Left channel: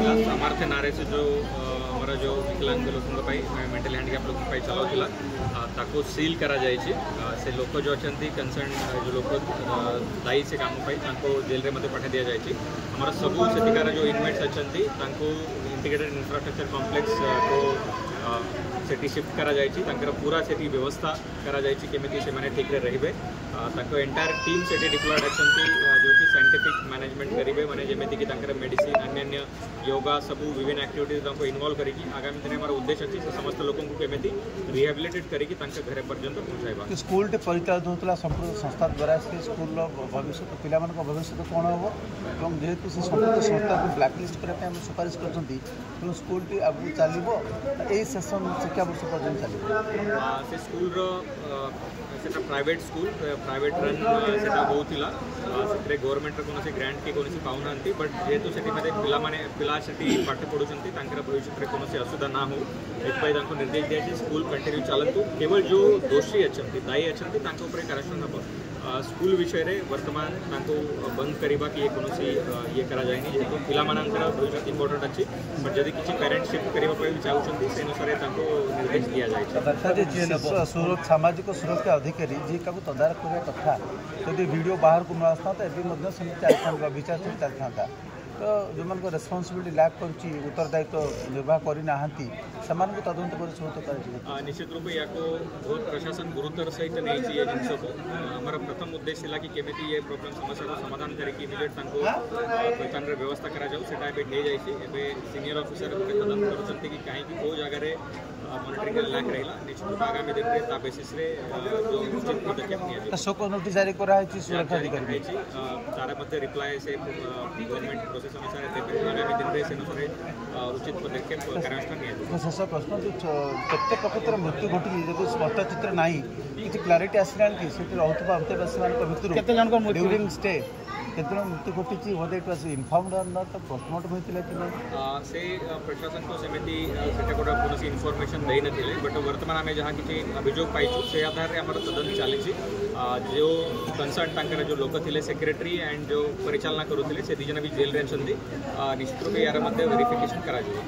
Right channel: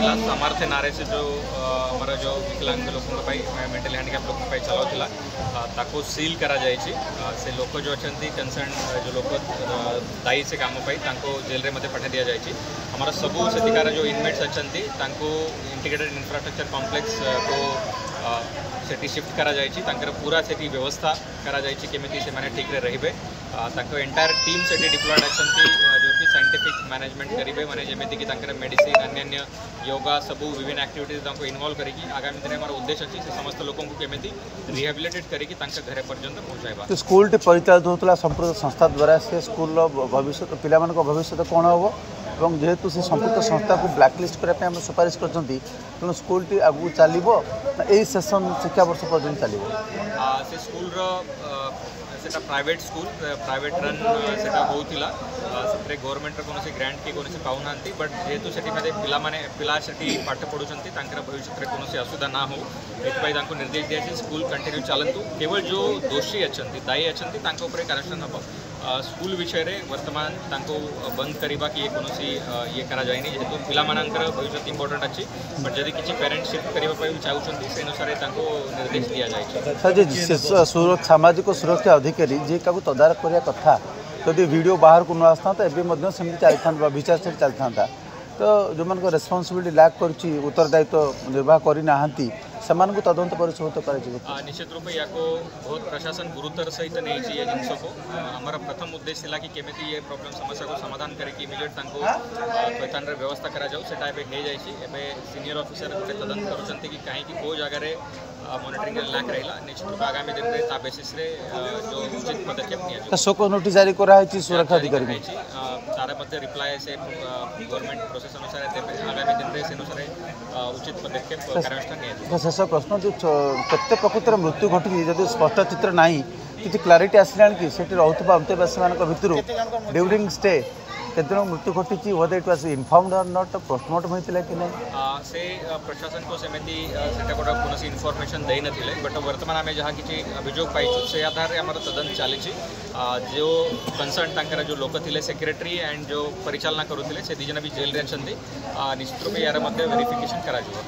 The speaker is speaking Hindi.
चलाऊला सामर्थ्य नारे से जो हमारा जो विकलांग लोगों मेंटली हैंडिकैप लोगों चलाऊला ताको सील करा जायछि से लोक जो अच्छा कंसर्न जो लोक दायी से काम जेल रे मते पठा दिया जायछि हमारा सबू सेतिकार जो इनमेट्स अच्छा इंटीग्रेटेड इंफ्रास्ट्रक्चर कॉम्प्लेक्स को सेठी शिफ्ट करा जायछि पूरा सेठी व्यवस्था करा जायछि केमिति से माने ठीक रे रहिबे एंटायर टीम सेठी डिप्लॉयड अछंती जो कि साइंटिफिक मैनेजमेंट करिबे माने जेमिति कि मेडिसिन अन्य योगा सबू विभिन्न एक्टिविटीज तांको इन्वॉल्व करिकी आगामी दिन हमारा उद्देश्य अछि से समस्त लोगों को केमिति रिहेबिलिटेट करिकी तांका घरे पर्यंत पहुंचाइबा। तो स्कूल टे परिचालित होतला संपूर्ण संस्था द्वारा से स्कूल रो भविष्य पिला मन को भविष्य कोन होबो एवं जेहेतु से संपूर्ण संस्था को ब्लैकलिस्ट करने हम सुपारिश करछंती तेणु स्कूल टी आगु चलिबो एई सेशन शिक्षा वर्ष पर्यंत चलिबो से स्कूल रो सेटा प्राइवेट स्कूल प्राइवेट रन सेटा होउतिला से गवर्नमेंट रो कोनोसी ग्रांट की कोनोसी पाउनांती बट जेहेतु सेठी माने पिला सेठी पाठ पढुचंती तांकर भविष्य रे कोनोसी असुविधा ना हो एतपई तांको निर्देश दिया छै स्कूल कंटिन्यू चलंतु केवल जो दोषी अछंती दायी अछंती तांको ऊपर कार्यक्रम हबो स्कूल विषय रे वर्तमान तांको बंद करिबा कि कोनोसी ये करा जायनी जेहेतु पिला मानकर भविष्य इंपोर्टेंट अछि बट जदि किछि पेरेंट शिफ्ट करिबा पई चाहउचंती से अनुसार तांको निर्देश दिया जाय छै। सर जे सामाजिक सुरक्षा अधिकारी जे काबू तदारख करिया कथा जदि वीडियो बाहर को न आस्था तो एबे मध्य सेमि चलथा विचार से चलथा तो जो मन को रेस्पॉन्सिबिलिटी लैक करछि उत्तरदायित्व निर्वाह करि नाहंती समान को तदंत परिशोधित कर निश्चित रूप या बहुत प्रशासन गुरुतर सहित नहीं ये जिनस को हमारा प्रथम उद्देश्य था कि केमिति ये प्रॉब्लम समस्या को समाधान करके इमिडिएट थैथान व्यवस्था करा जाऊ सेटा एबे हे जायछि एबे सीनियर ऑफिसर गोटे तदंत करूछंती कि कहीं को जगह रे मॉनिटरिंग लैक रहिला निश्चित रूप आगामी दिन रे ता बेसिस रे जो उचित पदक्षेप निया जो शोक नोटिस जारी करा है सुरक्षा अधिकारी तार मध्य रिप्लाई से गवर्नमेंट प्रोसेस अनुसार देबे आगामी दिन रे से अनुसार उचित पदक्षेप कार्यानुष्ठान निया शेष प्रश्न जो केते प्रकृतर मृत्यु घटी जदि स्पष्ट चित्र नहीं किसी क्लारिटी आसला कि सेठी रहउतबा अंतवासी मान भितर ड्यूरिंग स्टे केते मृत्यु घटी वदे इट वाज इन्फॉर्म्ड और नॉट पोस्टमार्टम होइतिला कि नहीं से प्रशासन को सेमिति सेटा कोटा कोनोसी इन्फॉर्मेशन देई नथिले बट वर्तमान आमे जहा किछि अभियोग पाइछु से आधार रे हमर तदंत चालिछि जो कंसर्न तांकर जो लोक थिले सेक्रेटरी एंड जो परिचालना करूथिले से दिजन भी जेल रे अछंती निश्चित रूप यार मध्ये वेरिफिकेशन करा जिवो।